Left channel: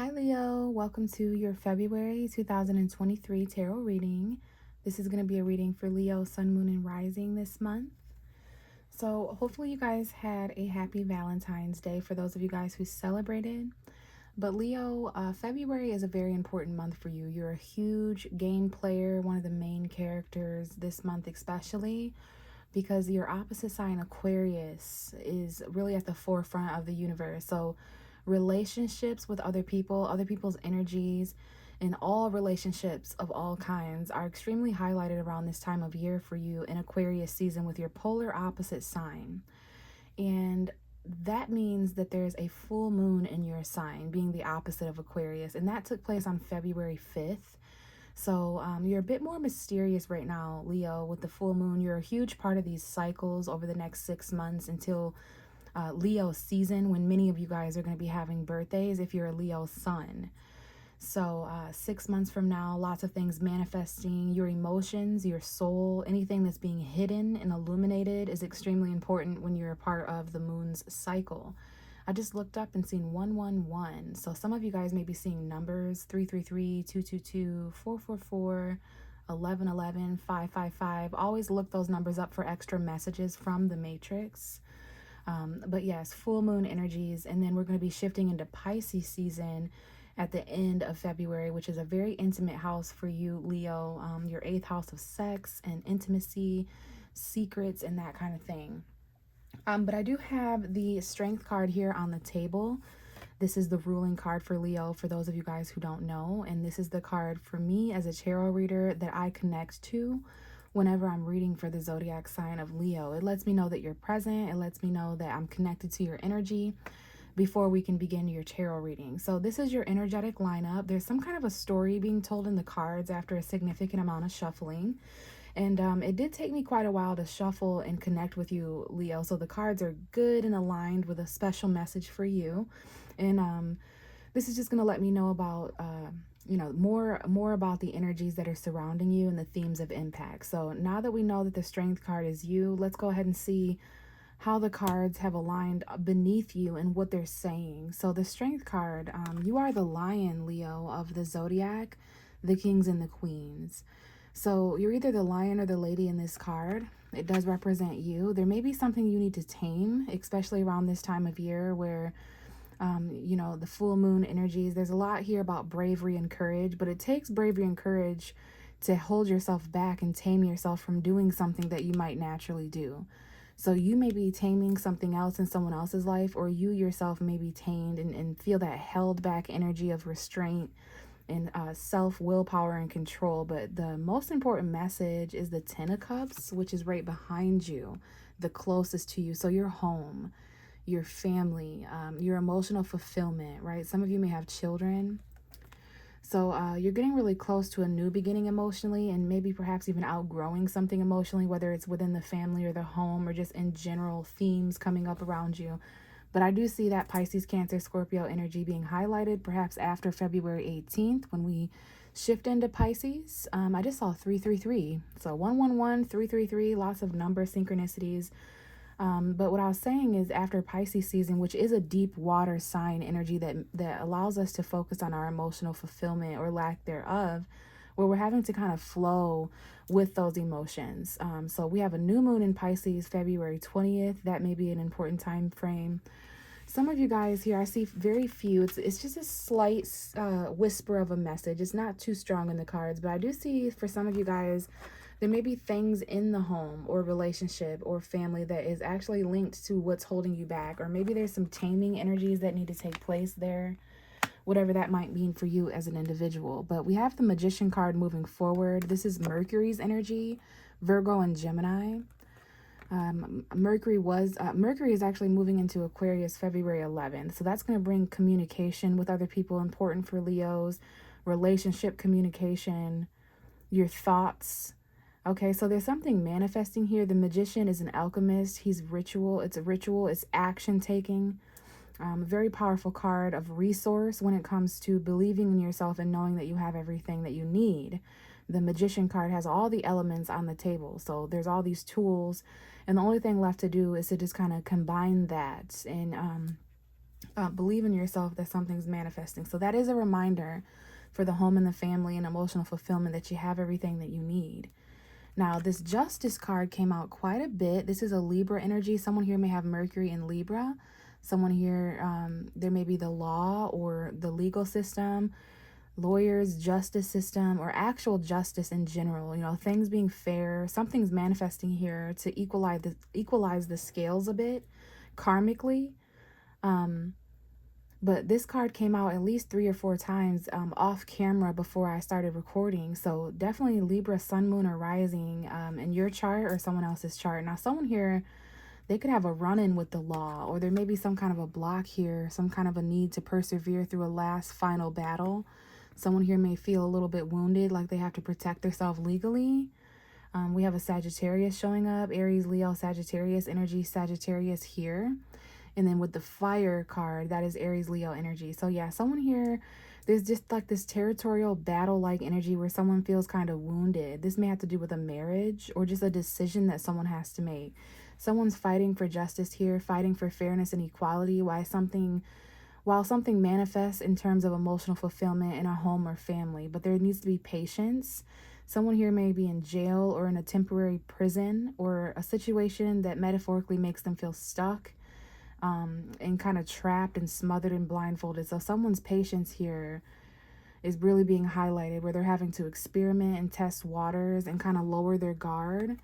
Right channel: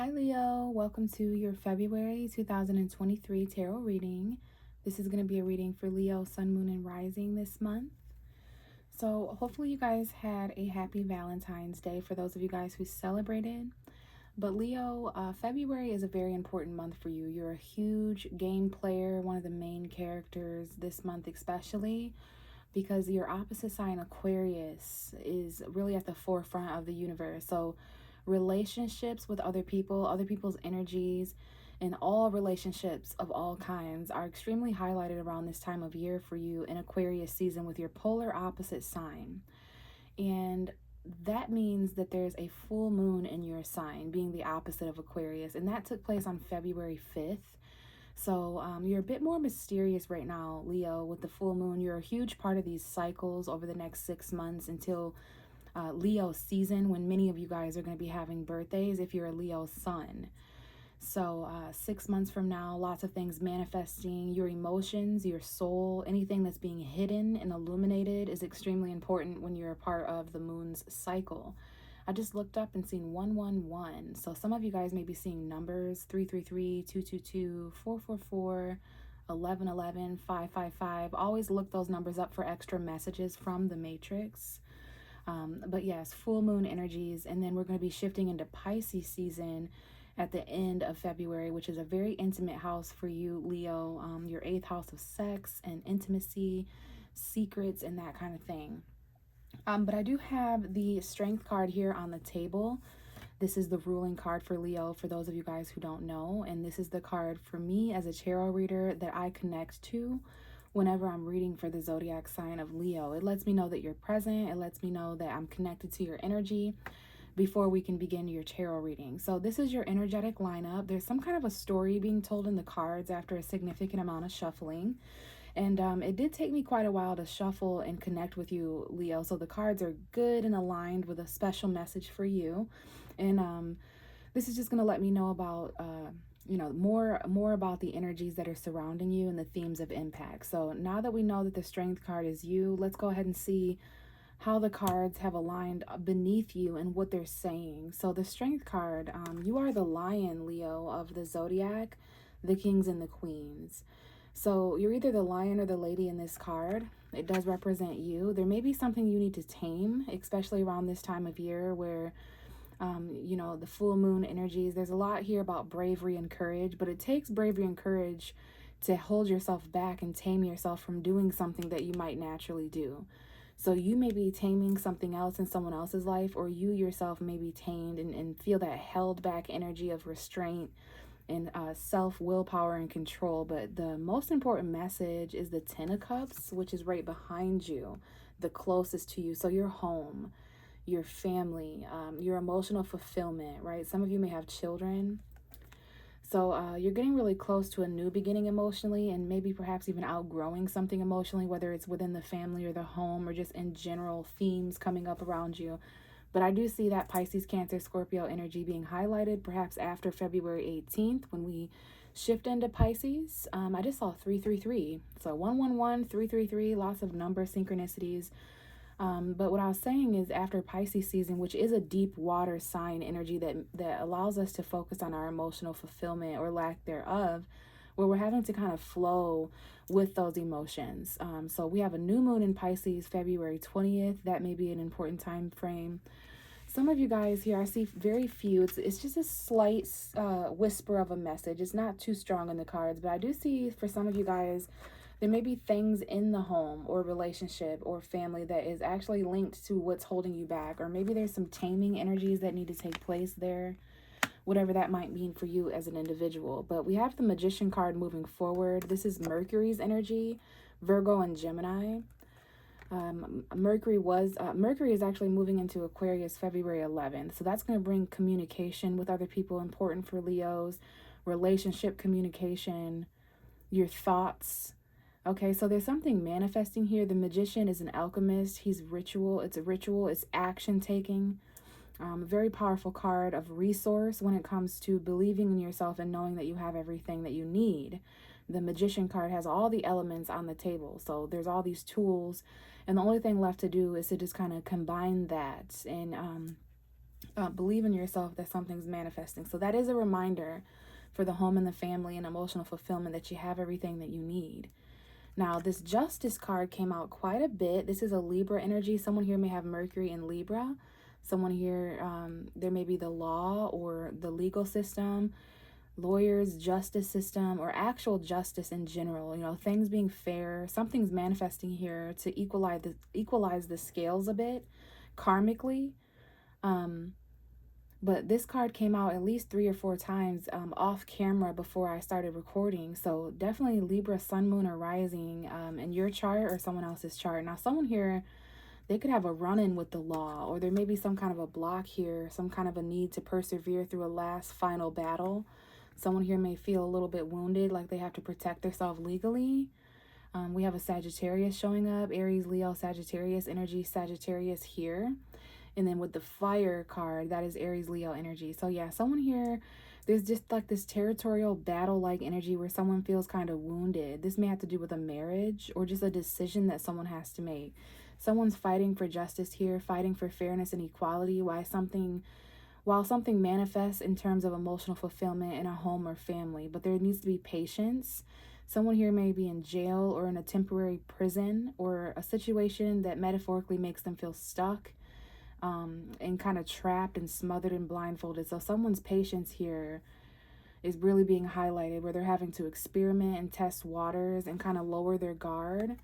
Hi Leo, welcome to your February 2023 tarot reading. This is going to be a reading for Leo, Sun, Moon, and Rising this month. So hopefully you guys had a happy Valentine's Day for those of you guys who celebrated. But Leo, February is a very important month for you. You're a huge game player, one of the main characters this month especially, because your opposite sign Aquarius is really at the forefront of the universe. So relationships with other people, other people's energies, and all relationships of all kinds are extremely highlighted around this time of year for you in Aquarius season with your polar opposite sign. And that means that there's a full moon in your sign, being the opposite of Aquarius, and that took place on February 5th. So you're a bit more mysterious right now, Leo, with the full moon. You're a huge part of these cycles over the next 6 months until Leo season, when many of you guys are going to be having birthdays if you're a Leo sun. So 6 months from now, lots of things manifesting. Your emotions, your soul, anything that's being hidden and illuminated is extremely important when you're a part of the moon's cycle. I just looked up and seen 111. So some of you guys may be seeing numbers 333, 222, 444, 1111, 555. Always look those numbers up for extra messages from the matrix. But yes, full moon energies, and then we're going to be shifting into Pisces season at the end of February, which is a very intimate house for you, Leo. Your 8th house of sex and intimacy, secrets, and that kind of thing. But I do have the Strength card here on the table. This is the ruling card for Leo, for those of you guys who don't know. And this is the card for me as a tarot reader that I connect to whenever I'm reading for the zodiac sign of Leo. It lets me know that you're present. It lets me know that I'm connected to your energy before we can begin your tarot reading. So this is your energetic lineup. There's some kind of a story being told in the cards after a significant amount of shuffling. And it did take me quite a while to shuffle and connect with you, Leo. So the cards are good and aligned with a special message for you. And this is just going to let me know about, more about the energies that are surrounding you and the themes of impact. So now that we know that the Strength card is you, let's go ahead and see how the cards have aligned beneath you and what they're saying. So the Strength card, you are the lion, Leo, of the zodiac, the kings and the queens. So you're either the lion or the lady in this card. It does represent you. There may be something you need to tame, especially around this time of year where, the full moon energies. There's a lot here about bravery and courage, but it takes bravery and courage to hold yourself back and tame yourself from doing something that you might naturally do. So you may be taming something else in someone else's life, or you yourself may be tamed and feel that held back energy of restraint and self willpower and control. But the most important message is the 10 of Cups, which is right behind you, the closest to you. So your home, your family, your emotional fulfillment, right? Some of you may have children. So you're getting really close to a new beginning emotionally, and maybe perhaps even outgrowing something emotionally, whether it's within the family or the home or just in general themes coming up around you. But I do see that Pisces, Cancer, Scorpio energy being highlighted perhaps after February 18th when we shift into Pisces. I just saw 333. So 111, 333, lots of number synchronicities. But what I was saying is after Pisces season, which is a deep water sign energy that allows us to focus on our emotional fulfillment or lack thereof, where we're having to kind of flow with those emotions. So we have a new moon in Pisces, February 20th. That may be an important time frame. Some of you guys here, I see very few. It's just a slight whisper of a message. It's not too strong in the cards, but I do see for some of you guys, there may be things in the home or relationship or family that is actually linked to what's holding you back. Or maybe there's some taming energies that need to take place there, whatever that might mean for you as an individual. But we have the Magician card moving forward. This is Mercury's energy, Virgo and Gemini. Mercury is actually moving into Aquarius February 11th. So that's going to bring communication with other people, important for Leos, relationship communication, your thoughts. Okay, so there's something manifesting here. The Magician is an alchemist. He's ritual. It's a ritual. It's action taking. Very powerful card of resource when it comes to believing in yourself and knowing that you have everything that you need. The Magician card has all the elements on the table. So there's all these tools. And the only thing left to do is to just kind of combine that and Believe in yourself that something's manifesting. So that is a reminder for the home and the family and emotional fulfillment that you have everything that you need. Now, this Justice card came out quite a bit. This is a Libra energy. Someone here may have Mercury in Libra. Someone here, there may be the law or the legal system, lawyers, justice system, or actual justice in general. You know, things being fair. Something's manifesting here to equalize the scales a bit, karmically. Um, but this card came out at least 3 or 4 times off camera before I started recording. So definitely Libra, Sun, Moon, or Rising in your chart or someone else's chart. Now, someone here, they could have a run-in with the law, or there may be some kind of a block here, some kind of a need to persevere through a last final battle. Someone here may feel a little bit wounded, like they have to protect themselves legally. We have a Sagittarius showing up, Aries, Leo, Sagittarius energy, Sagittarius here. And then with the fire card, that is Aries, Leo energy. So yeah, someone here, there's just like this territorial battle-like energy where someone feels kind of wounded. This may have to do with a marriage or just a decision that someone has to make. Someone's fighting for justice here, fighting for fairness and equality, while something manifests in terms of emotional fulfillment in a home or family. But there needs to be patience. Someone here may be in jail or in a temporary prison or a situation that metaphorically makes them feel stuck. And kind of trapped and smothered and blindfolded. So someone's patience here is really being highlighted, where they're having to experiment and test waters and kind of lower their guard.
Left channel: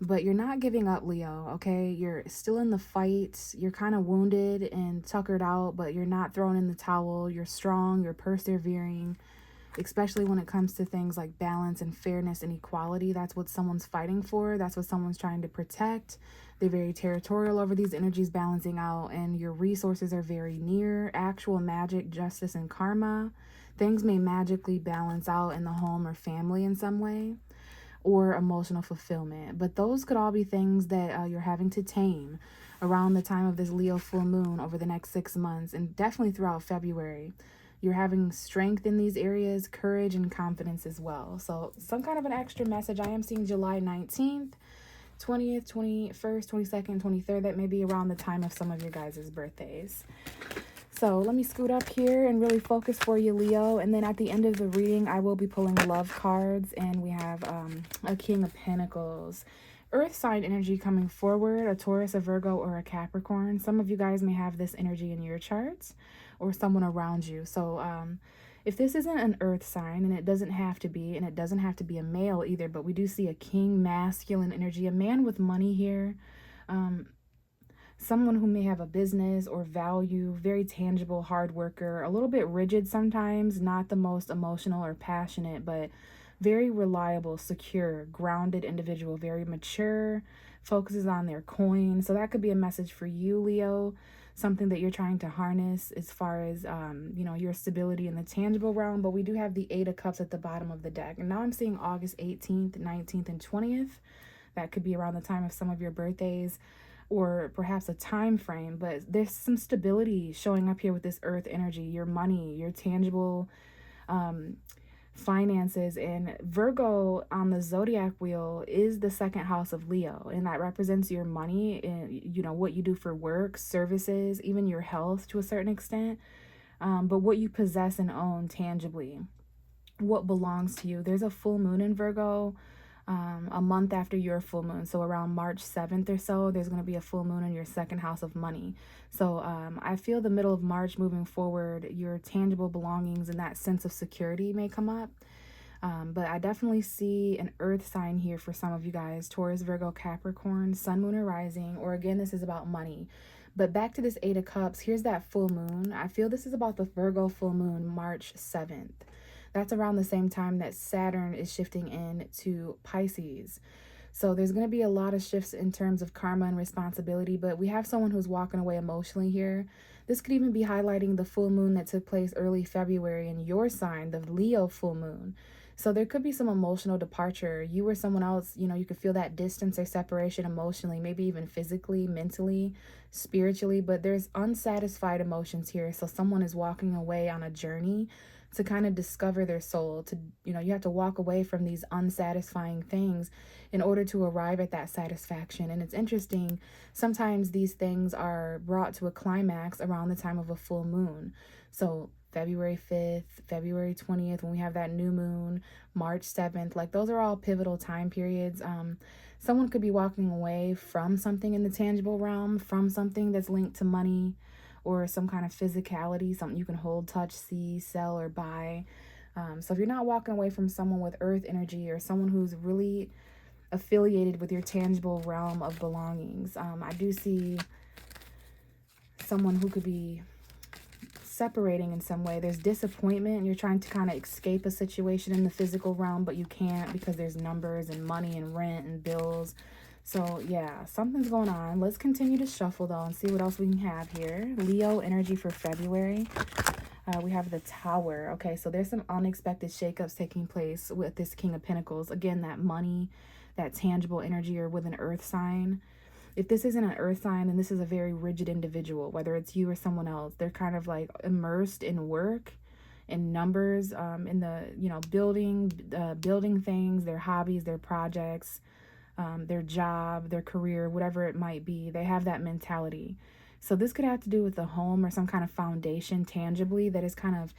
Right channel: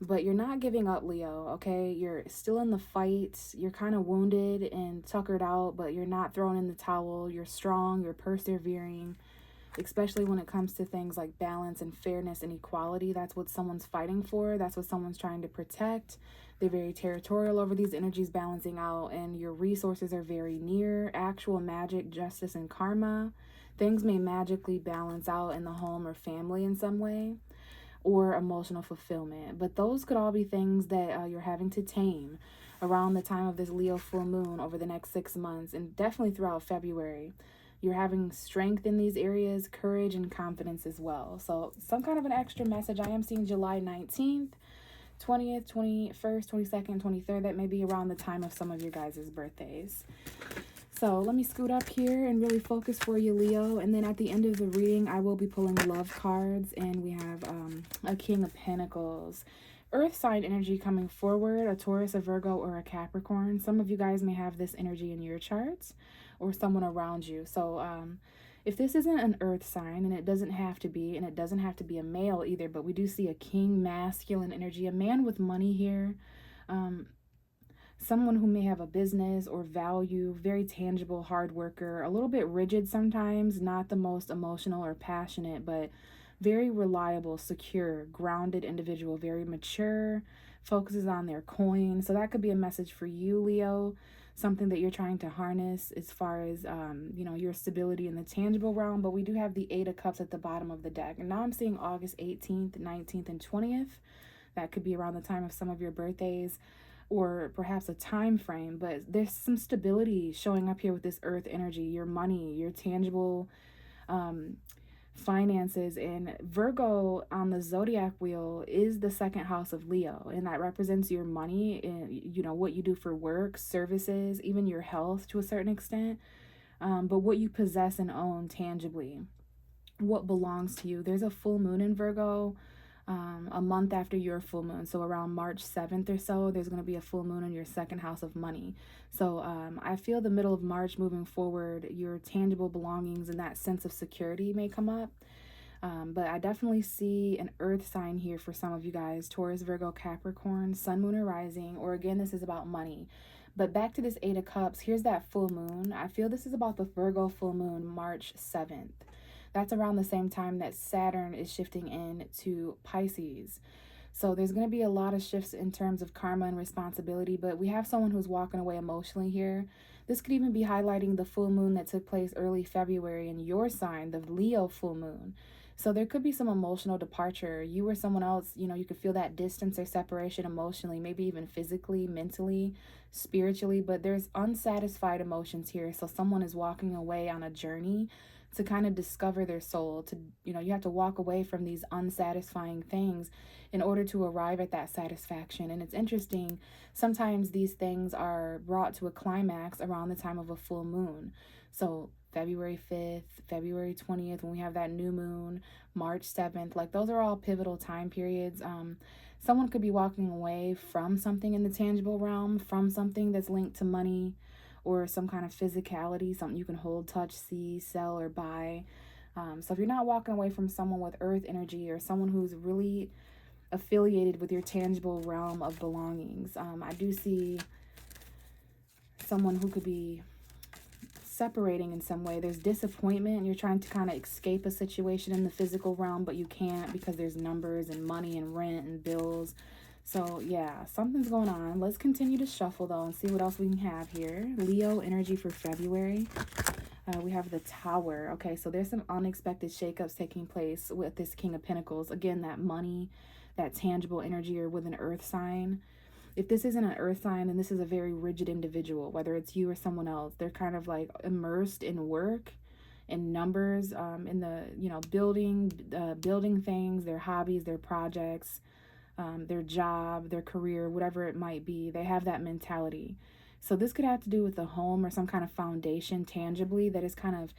But you're not giving up, Leo, okay? You're still in the fight. You're kind of wounded and tuckered out, but you're not throwing in the towel. You're strong. You're persevering, especially when it comes to things like balance and fairness and equality. That's what someone's fighting for. That's what someone's trying to protect. They're very territorial over these energies balancing out, and your resources are very near actual magic, justice, and karma. Things may magically balance out in the home or family in some way, or emotional fulfillment. But those could all be things that you're having to tame around the time of this Leo full moon over the next 6 months, and definitely throughout February. You're having strength in these areas, courage, and confidence as well. So some kind of an extra message. I am seeing July 19th, 20th, 21st, 22nd, 23rd. That may be around the time of some of your guys' birthdays. So let me scoot up here and really focus for you, Leo. And then at the end of the reading, I will be pulling love cards. And we have a King of Pentacles. Earth sign energy coming forward, a Taurus, a Virgo, or a Capricorn. Some of you guys may have this energy in your charts or someone around you. So if this isn't an earth sign, and it doesn't have to be, and it doesn't have to be a male either, but we do see a king, masculine energy, a man with money here, someone who may have a business or value, very tangible, hard worker, a little bit rigid sometimes, not the most emotional or passionate, but very reliable, secure, grounded individual, very mature, focuses on their coin. So that could be a message for you, Leo, something that you're trying to harness as far as, your stability in the tangible realm. But we do have the Eight of Cups at the bottom of the deck. And now I'm seeing August 18th, 19th, and 20th. That could be around the time of some of your birthdays, or perhaps a time frame. But there's some stability showing up here with this earth energy, your money, your tangible finances. And Virgo on the zodiac wheel is the second house of Leo, and that represents your money and what you do for work, services, even your health to a certain extent, but what you possess and own tangibly, what belongs to you. There's a full moon in Virgo a month after your full moon, so around March 7th or so, there's going to be a full moon in your second house of money. So I feel the middle of March moving forward, your tangible belongings and that sense of security may come up. But I definitely see an earth sign here for some of you guys: Taurus, Virgo, Capricorn, Sun, Moon, or Rising, or again, this is about money. But back to this Eight of Cups, here's that full moon. I feel this is about the Virgo full moon, March 7th. That's around the same time that Saturn is shifting into Pisces. So there's going to be a lot of shifts in terms of karma and responsibility, but we have someone who's walking away emotionally here. This could even be highlighting the full moon that took place early February in your sign, the Leo full moon. So there could be some emotional departure. You or someone else, you know, you could feel that distance or separation emotionally, maybe even physically, mentally, spiritually, but there's unsatisfied emotions here. So someone is walking away on a journey to kind of discover their soul. To, you know, you have to walk away from these unsatisfying things in order to arrive at that satisfaction. And it's interesting, sometimes these things are brought to a climax around the time of a full moon. So February 5th, February 20th, when we have that new moon, March 7th, like those are all pivotal time periods. Someone could be walking away from something in the tangible realm, from something that's linked to money or some kind of physicality, something you can hold, touch, see, sell, or buy. So if you're not walking away from someone with earth energy or someone who's really affiliated with your tangible realm of belongings, I do see someone who could be separating in some way. There's disappointment. You're trying to kind of escape a situation in the physical realm, but you can't because there's numbers and money and rent and bills. So yeah, something's going on. Let's continue to shuffle though and see what else we can have here. Leo energy for February. We have the Tower. Okay, so there's some unexpected shakeups taking place with this King of Pentacles. Again, that money, that tangible energy, or with an earth sign. If this isn't an earth sign, then this is a very rigid individual, whether it's you or someone else. They're kind of like immersed in work, in numbers, in the, you know, building things, their hobbies, their projects, their job, their career, whatever it might be. They have that mentality. So this could have to do with the home or some kind of foundation tangibly that is kind of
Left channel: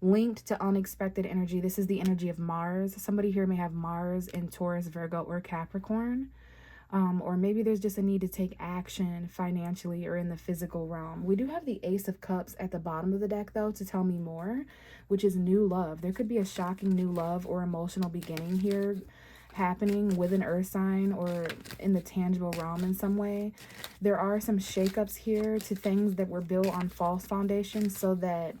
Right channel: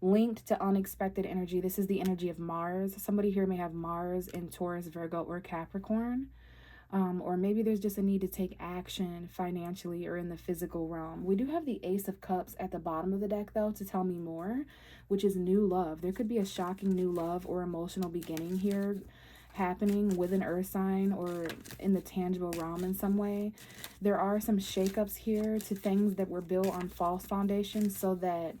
linked to unexpected energy. This is the energy of Mars. Somebody here may have Mars in Taurus, Virgo, or Capricorn. Or maybe there's just a need to take action financially or in the physical realm. We do have the Ace of Cups at the bottom of the deck, though, to tell me more, which is new love. There could be a shocking new love or emotional beginning here happening with an earth sign or in the tangible realm in some way. There are some shakeups here to things that were built on false foundations so that,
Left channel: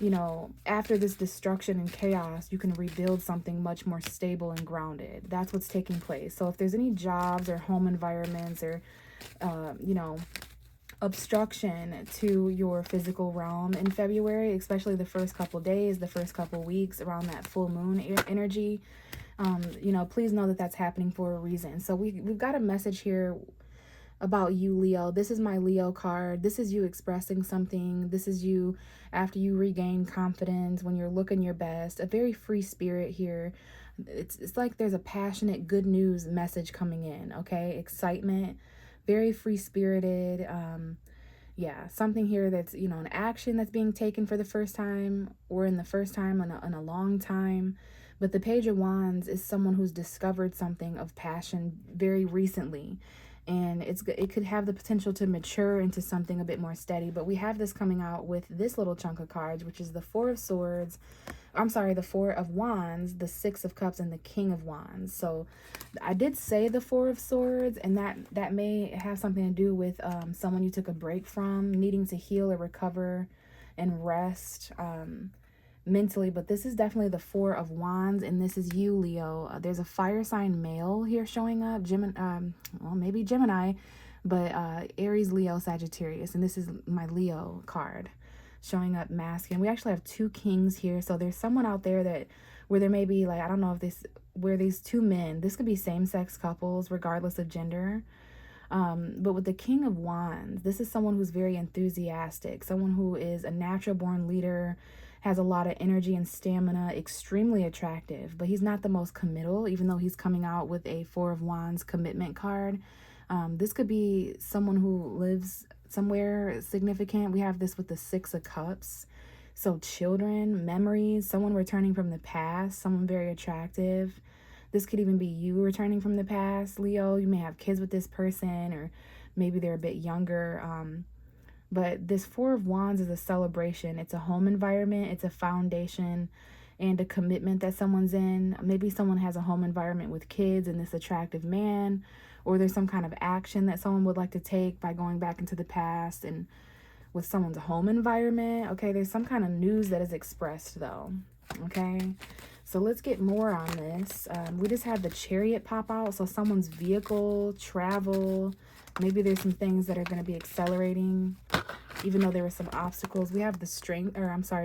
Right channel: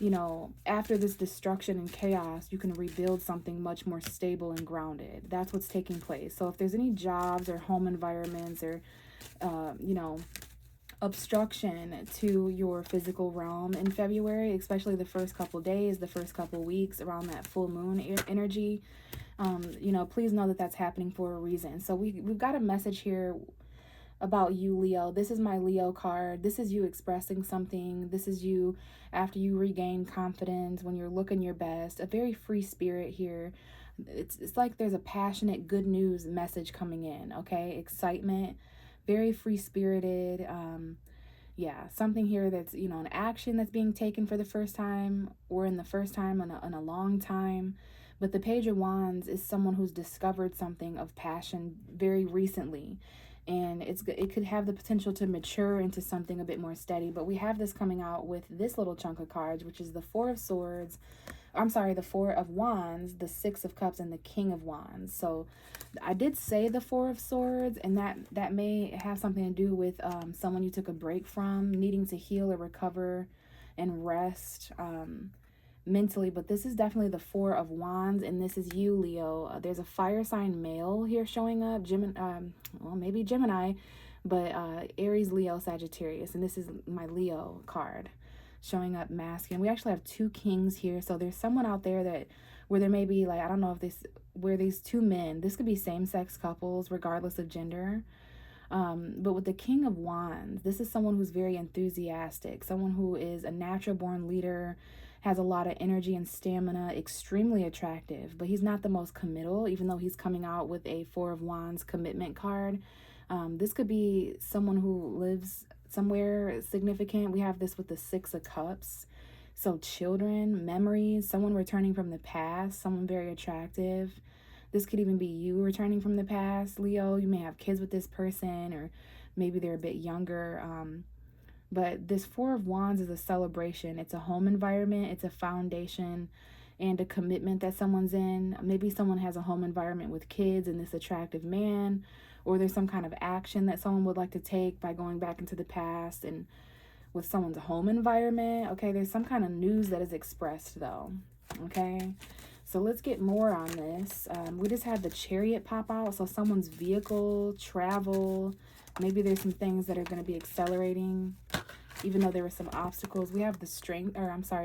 you know, after this destruction and chaos, you can rebuild something much more stable and grounded. That's what's taking place. So if there's any jobs or home environments or, you know, obstruction to your physical realm in February, especially the first couple days, the first couple weeks around that full moon energy, you know, please know that that's happening for a reason. So we've got a message here about you, Leo. This is my Leo card. This is you expressing something. This is you after you regain confidence, when you're looking your best. A very free spirit here. It's like there's a passionate good news message coming in, okay? Excitement, very free spirited. Yeah, something here that's, you know, an action that's being taken for the first time or in the first time in a long time. But the Page of Wands is someone who's discovered something of passion very recently. And it could have the potential to mature into something a bit more steady. But we have this coming out with this little chunk of cards, which is the Four of Swords. I'm sorry, the Four of Wands, the Six of Cups, and the King of Wands. So I did say the Four of Swords, and that may have something to do with someone you took a break from, needing to heal or recover and rest mentally. But this is definitely the Four of Wands, and this is you, Leo. There's a fire sign male here showing up, well, maybe Gemini, but Aries, Leo, Sagittarius, and this is my Leo card showing up masculine. We actually have two kings here, so there's someone out there that where there may be, like, I don't know if this, where these two men, this could be same-sex couples regardless of gender. But with the King of Wands, this is someone who's very enthusiastic, someone who is a natural born leader, has a lot of energy and stamina, extremely attractive, but he's not the most committal, even though he's coming out with a Four of Wands commitment card. This could be someone who lives somewhere significant. We have this with the Six of Cups. So children, memories, someone returning from the past, someone very attractive. This could even be you returning from the past, Leo. You may have kids with this person, or maybe they're a bit younger. But this Four of Wands is a celebration. It's a home environment. It's a foundation and a commitment that someone's in. Maybe someone has a home environment with kids and this attractive man, or there's some kind of action that someone would like to take by going back into the past and with someone's home environment. Okay, there's some kind of news that is expressed though. Okay, so let's get more on this. We just had the Chariot pop out. So someone's vehicle, travel, maybe there's some things that are going to be accelerating, even though there were some obstacles. We have the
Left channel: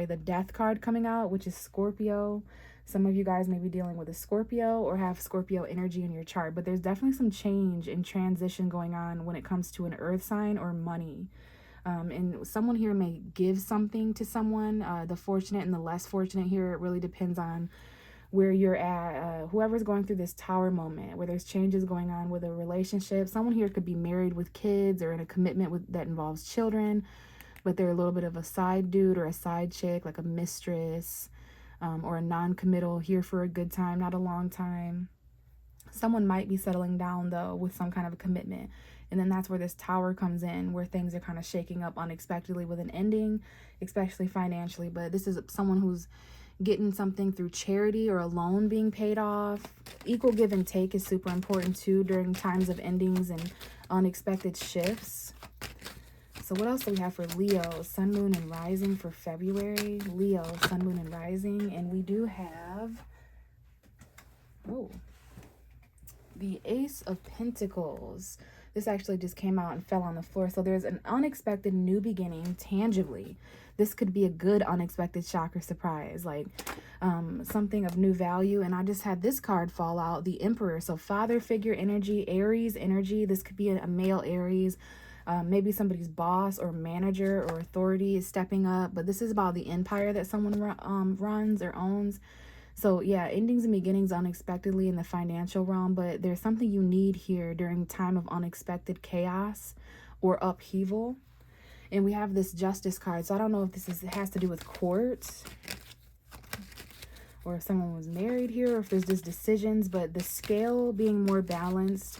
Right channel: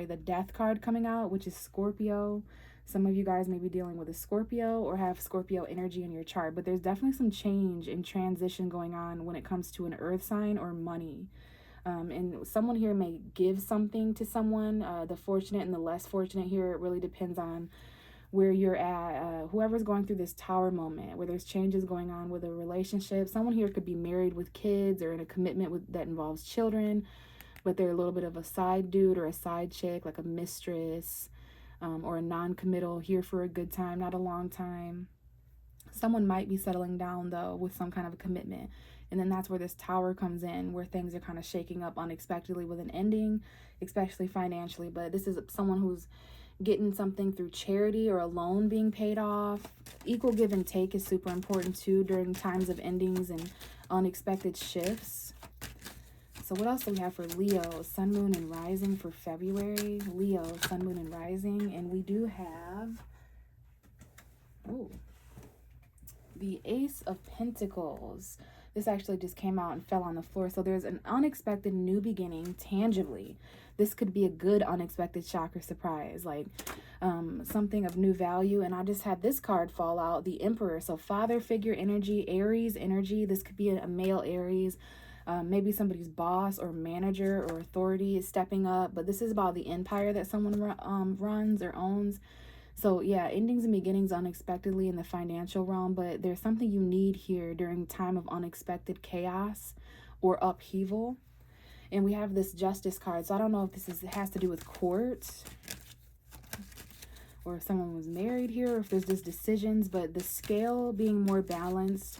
the Death card coming out, which is Scorpio. Some of you guys may be dealing with a Scorpio or have Scorpio energy in your chart, but there's definitely some change and transition going on when it comes to an earth sign or money. And someone here may give something to someone. The fortunate and the less fortunate here, it really depends on where you're at. Whoever's going through this tower moment where there's changes going on with a relationship. Someone here could be married with kids or in a commitment that involves children, but they're a little bit of a side dude or a side chick, like a mistress, or a non-committal, here for a good time, not a long time. Someone might be settling down though with some kind of a commitment. And then that's where this tower comes in, where things are kind of shaking up unexpectedly with an ending, especially financially. But this is someone who's getting something through charity or a loan being paid off. Equal give and take is super important too during times of endings and unexpected shifts. So what else do we have for Leo? Sun, Moon, and Rising for February. Leo, Sun, Moon, and Rising. And we do have, the Ace of Pentacles. This actually just came out and fell on the floor. So there's an unexpected new beginning tangibly. This could be a good unexpected shock or surprise, like something of new value. And I just had this card fall out, the Emperor. So father figure energy, Aries energy. This could be a male Aries. Maybe somebody's boss or manager or authority is stepping up. But this is about the empire that someone runs or owns. So yeah, endings and beginnings unexpectedly in the financial realm, but there's something you need here during time of unexpected chaos or upheaval. And we have this Justice card. So I don't know if this has to do with courts or if someone was married here or if there's just decisions, but the scale being more balanced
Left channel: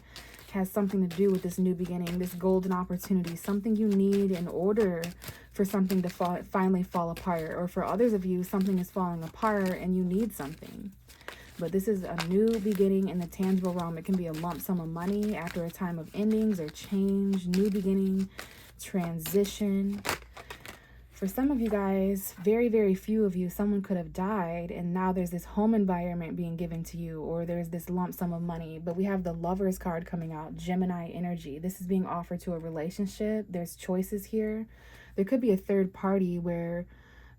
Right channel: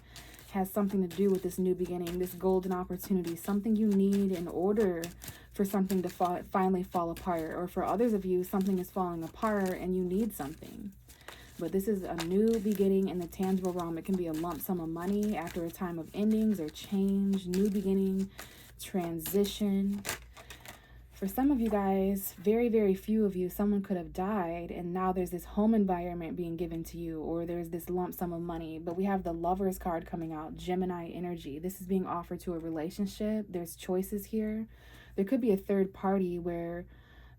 has something to do with this new beginning, this golden opportunity, something you need in order for something to finally fall apart. Or for others of you, something is falling apart and you need something. But this is a new beginning in the tangible realm. It can be a lump sum of money after a time of endings or change, new beginning, transition. For some of you guys, very, very few of you, someone could have died and now there's this home environment being given to you, or there's this lump sum of money. But we have the Lovers card coming out, Gemini energy. This is being offered to a relationship. There's choices here. There could be a third party where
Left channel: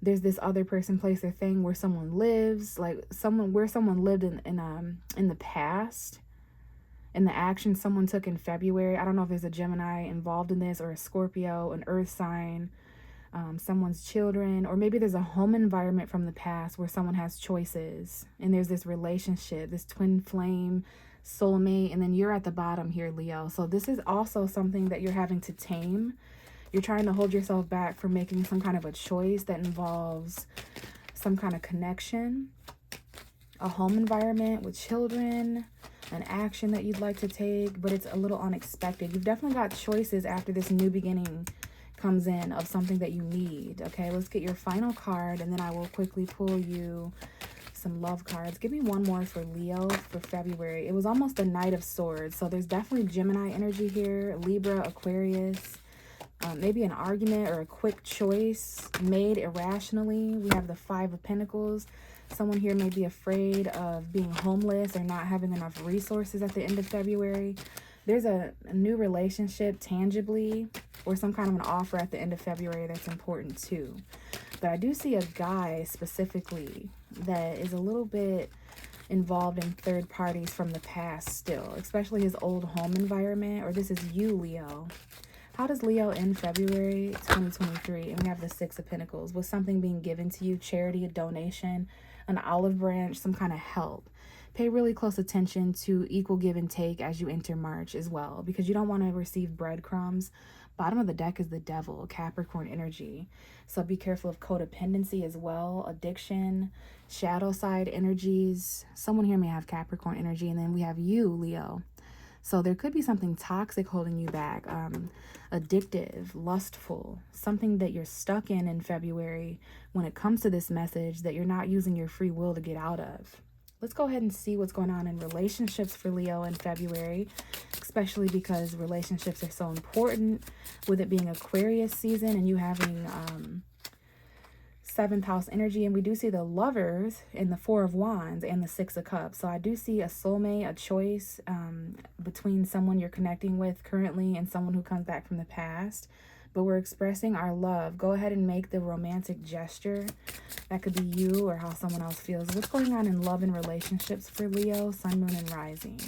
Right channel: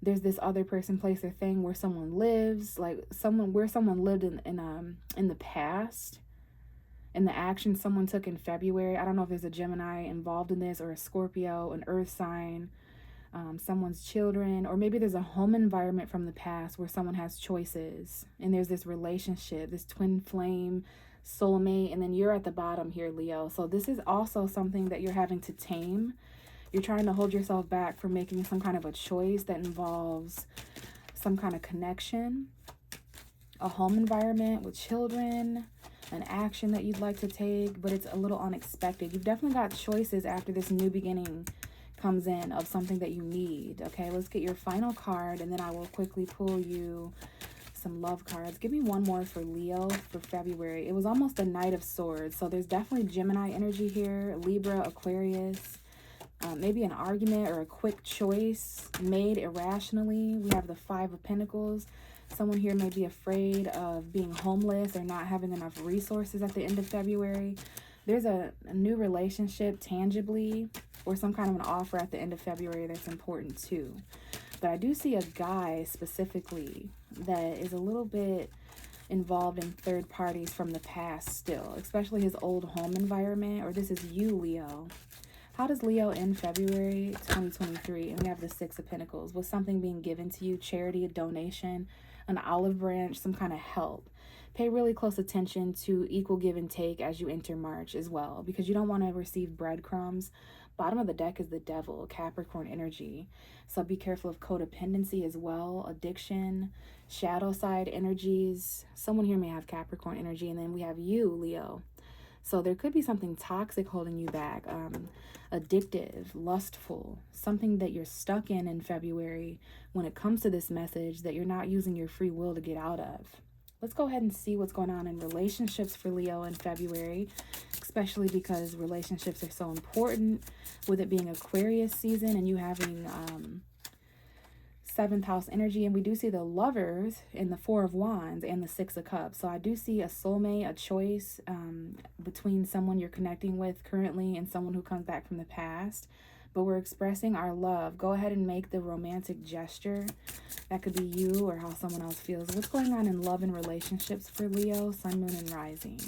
there's this other person, place, or thing where someone lives, like where someone lived in the past, in the action someone took in February. I don't know if there's a Gemini involved in this, or a Scorpio, an earth sign, someone's children, or maybe there's a home environment from the past where someone has choices and there's this relationship, this twin flame, soulmate, and then you're at the bottom here, Leo. So this is also something that you're having to tame. You're trying to hold yourself back from making some kind of a choice that involves some kind of connection, a home environment with children, an action that you'd like to take, but it's a little unexpected. You've definitely got choices after this new beginning comes in of something that you need. Okay, let's get your final card and then I will quickly pull you some love cards. Give me one more for Leo for February. It was almost a Knight of Swords, so there's definitely Gemini energy here, Libra, Aquarius, maybe an argument or a quick choice made irrationally. We have the Five of Pentacles. Someone here may be afraid of being homeless or not having enough resources at the end of February. There's a new relationship tangibly or some kind of an offer at the end of February that's important too. But I do see a guy specifically that is a little bit involved in third parties from the past still, especially his old home environment, or this is you, Leo. How does Leo end February 2023? And we have the Six of Pentacles. Was something being given to you, charity, a donation, an olive branch, some kind of help? Pay really close attention to equal give and take as you enter March as well, because you don't want to receive breadcrumbs. Bottom of the deck is the Devil, Capricorn energy. So be careful of codependency as well, addiction, shadow side energies. Someone here may have Capricorn energy, and then we have you, Leo. So there could be something toxic holding you back, addictive, lustful, something that you're stuck in February when it comes to this message that you're not using your free will to get out of. Let's go ahead and see what's going on in relationships for Leo in February, especially because relationships are so important, with it being Aquarius season and you having 7th house energy. And we do see the Lovers in the Four of Wands and the Six of Cups. So I do see a soulmate, a choice between someone you're connecting with currently and someone who comes back from the past. but we're expressing our love. Go ahead and make the romantic gesture. That could be you or how someone else feels. What's going on in love and relationships for Leo, sun, moon, and rising?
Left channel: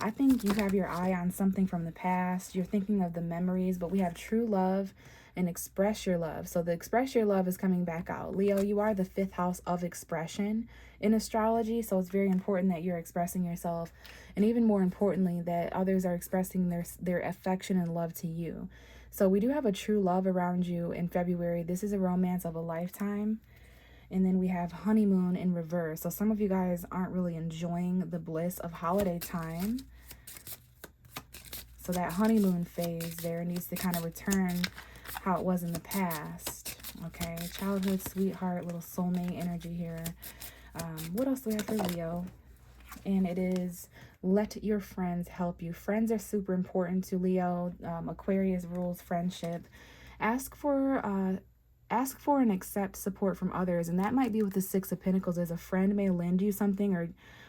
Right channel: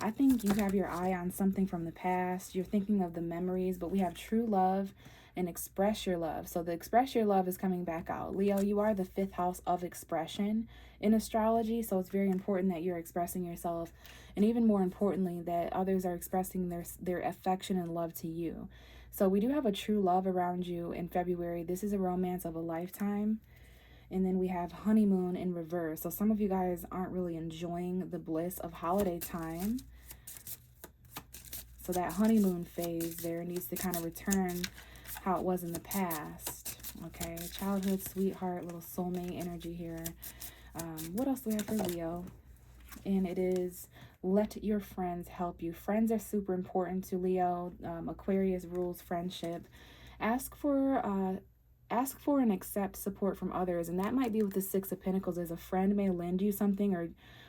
I think you have your eye on something from the past. You're thinking of the memories, but we have true love and express your love. So the express your love is coming back out. Leo, you are the 5th house of expression in astrology, so it's very important that you're expressing yourself, and even more importantly that others are expressing their affection and love to you. So we do have a true love around you in February. This is a romance of a lifetime. And then we have honeymoon in reverse. So some of you guys aren't really enjoying the bliss of holiday time. So that honeymoon phase there needs to kind of return how it was in the past. Okay, childhood sweetheart, little soulmate energy here. What else do we have for Leo? And it is let your friends help you. Friends are super important to Leo. Aquarius rules friendship. Ask for and accept support from others, and that might be with the 6 of Pentacles. As a friend may lend you something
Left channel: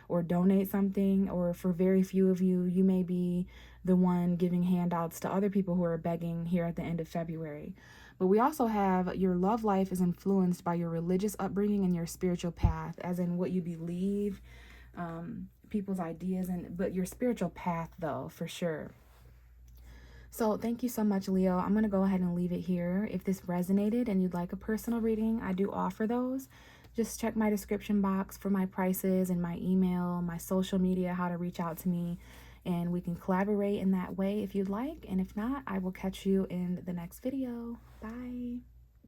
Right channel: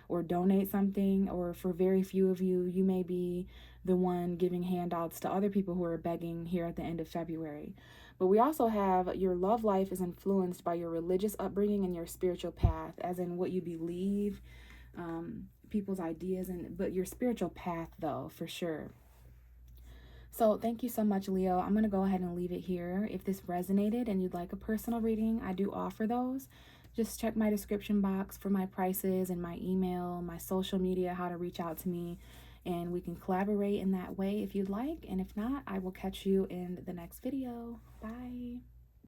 or donate something, or for very few of you, you may be the one giving handouts to other people who are begging here at the end of February. But we also have your love life is influenced by your religious upbringing and your spiritual path, as in what you believe, people's ideas, but your spiritual path though, for sure. So thank you so much, Leo. I'm going to go ahead and leave it here. If this resonated and you'd like a personal reading, I do offer those. Just check my description box for my prices and my email, my social media, how to reach out to me, and we can collaborate in that way if you'd like. And if not, I will catch you in the next video. Bye.